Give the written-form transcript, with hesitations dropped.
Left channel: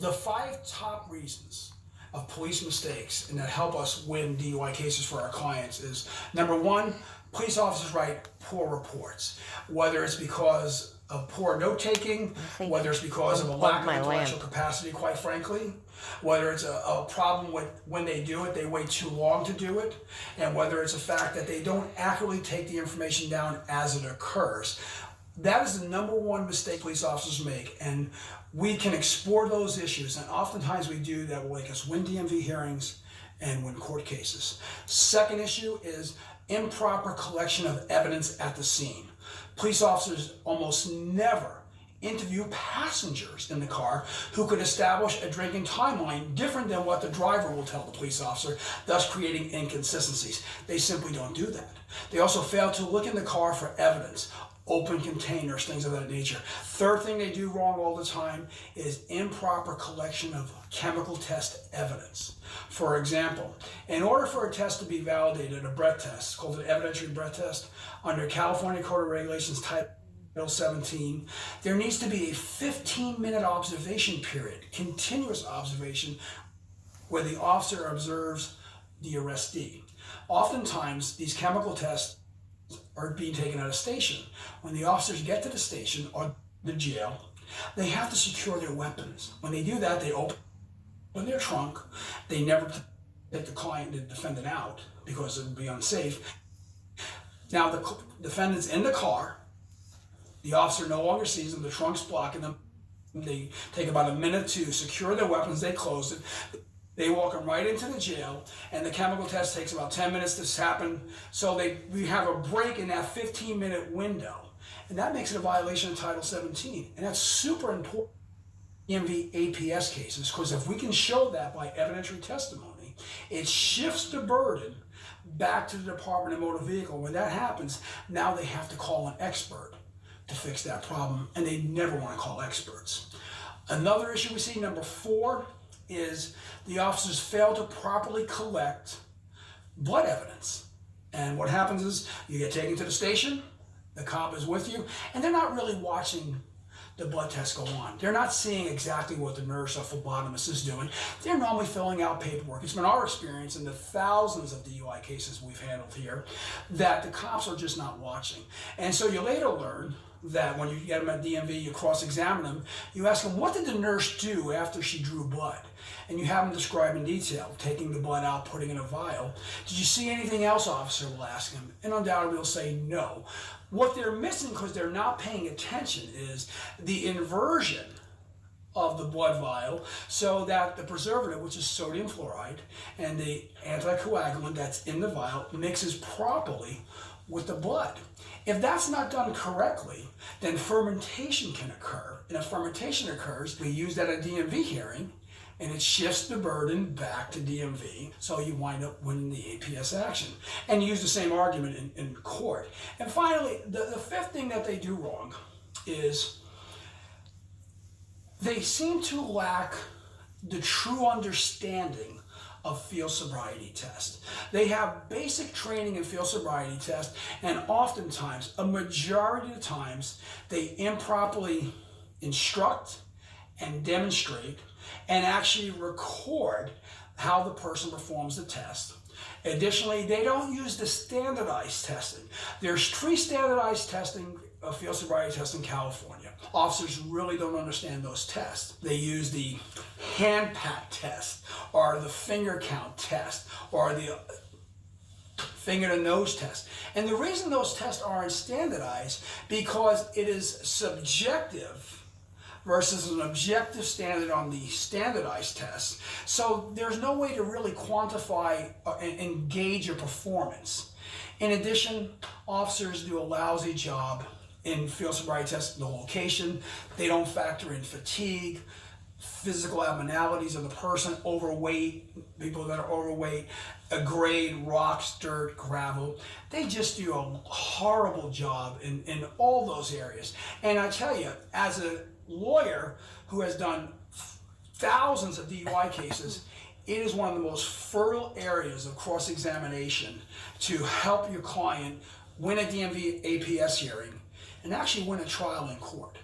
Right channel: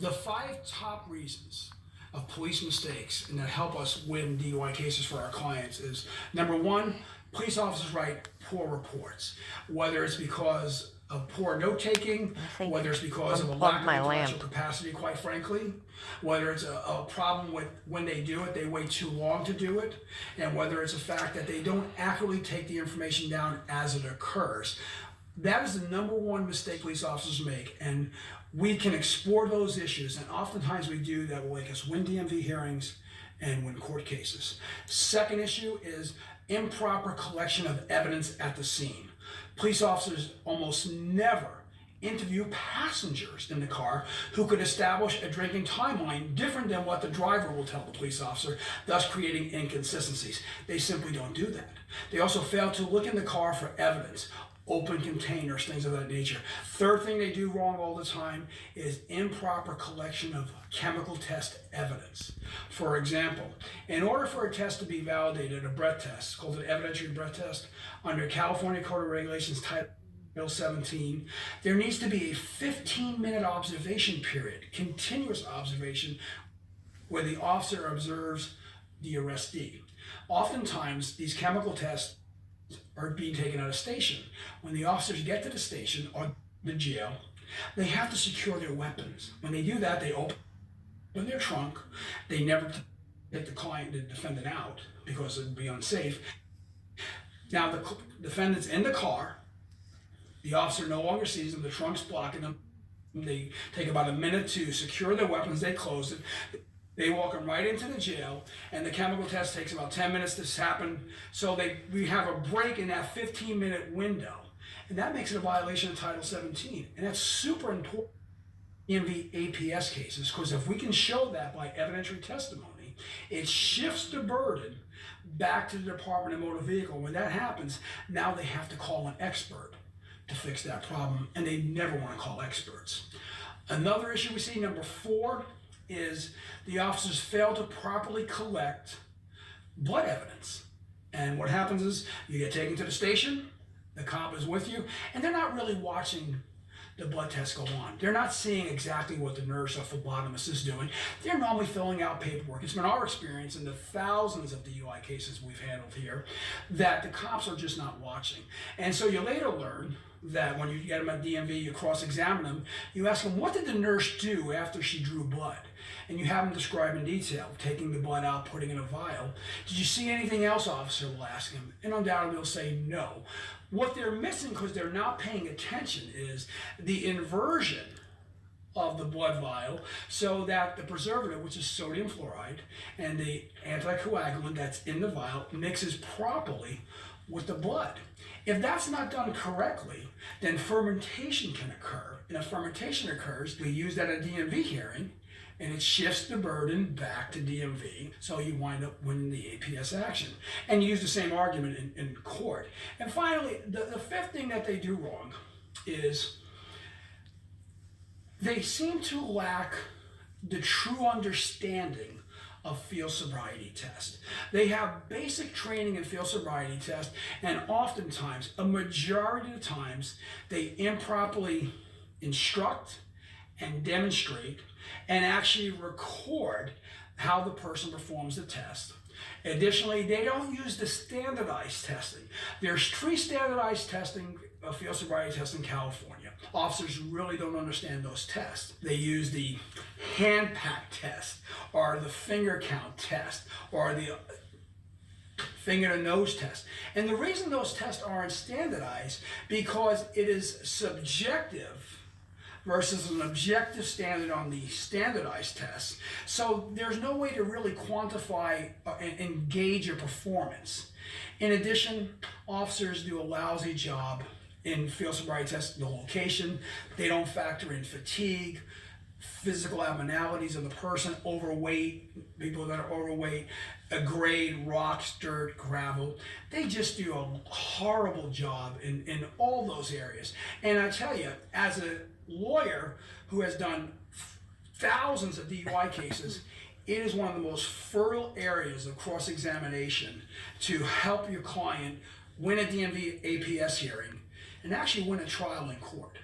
The 5 top reasons of police mistakes and that help us win DUI cases for our clients is, number 1, police officers write poor reports, whether it's because of poor note-taking, whether it's because of a lack of intellectual capacity, quite frankly, whether it's a problem with when they do it, they wait too long to do it, and whether it's a fact that they don't accurately take the information down as it occurs. That is the number 1 mistake police officers make, and we can explore those issues, and oftentimes we do that will make us win DMV hearings and win court cases. Second issue is improper collection of evidence at the scene. Police officers almost never interview passengers in the car who could establish a drinking timeline different than what the driver will tell the police officer, thus creating inconsistencies. They simply don't do that. They also fail to look in the car for evidence, open containers, things of that nature. Third thing they do wrong all the time is improper collection of chemical test evidence. For example, in order for a test to be validated, a breath test, called an evidentiary breath test, under California Code of Regulations Title 17, there needs to be a 15-minute observation period, continuous observation, where the officer observes the arrestee. Oftentimes, these chemical tests are being taken at a station. When the officers get to the station or the jail, they have to secure their weapons. When they do that, they open their trunk. They never take the client, the defendant, out because it would be unsafe. Now the defendant's in the car. The officer no longer sees them. The trunk's blocking them. They take about a minute to secure their weapons. They close it. They walk them right into the jail, and the chemical test takes about 10 minutes to happen. So we have a break in that 15-minute window, and that makes it a violation of Title 17. And that's super important in the APS cases, because if we can show that by evidentiary testimony, it shifts the burden back to the Department of Motor Vehicle. When that happens, now they have to call an expert to fix that problem, and they never want to call experts. Another issue we see, number 4, is the officers fail to properly collect blood evidence. And what happens is you get taken to the station, the cop is with you, and they're not really watching the blood tests go on. They're not seeing exactly what the nurse or phlebotomist is doing. They're normally filling out paperwork. It's been our experience in the thousands of DUI cases we've handled here that the cops are just not watching. And so you later learn that when you get them at DMV, you cross-examine them, you ask them, what did the nurse do after she drew blood? And you have them describe in detail, taking the blood out, putting it in a vial. Did you see anything else, officer? Will ask him. And undoubtedly they'll say no. What they're missing, because they're not paying attention, is the inversion of the blood vial so that the preservative, which is sodium fluoride, and the anticoagulant that's in the vial mixes properly with the blood. If that's not done correctly, then fermentation can occur. And if fermentation occurs, we use that at a DMV hearing, and it shifts the burden back to DMV, so you wind up winning the APS action. And you use the same argument in court. And finally, the 5th thing that they do wrong is they seem to lack the true understanding of field sobriety test. They have basic training in field sobriety test, and oftentimes, a majority of the times, they improperly instruct and demonstrate and actually record how the person performs the test. Additionally, they don't use the standardized testing. There's 3 standardized testing of field sobriety tests in California. Officers really don't understand those tests. They use the hand pat test, or the finger count test, or the finger to nose test. And the reason those tests aren't standardized, because it is subjective versus an objective standard on the standardized tests. So there's no way to really quantify and gauge your performance. In addition, officers do a lousy job in field sobriety tests, the location. They don't factor in fatigue, physical abnormalities of the person, overweight, people that are overweight, a grade, rocks, dirt, gravel. They just do a horrible job in all those areas. And I tell you, as a lawyer who has done thousands of DUI cases, it is one of the most fertile areas of cross-examination to help your client win a DMV APS hearing and actually win a trial in court.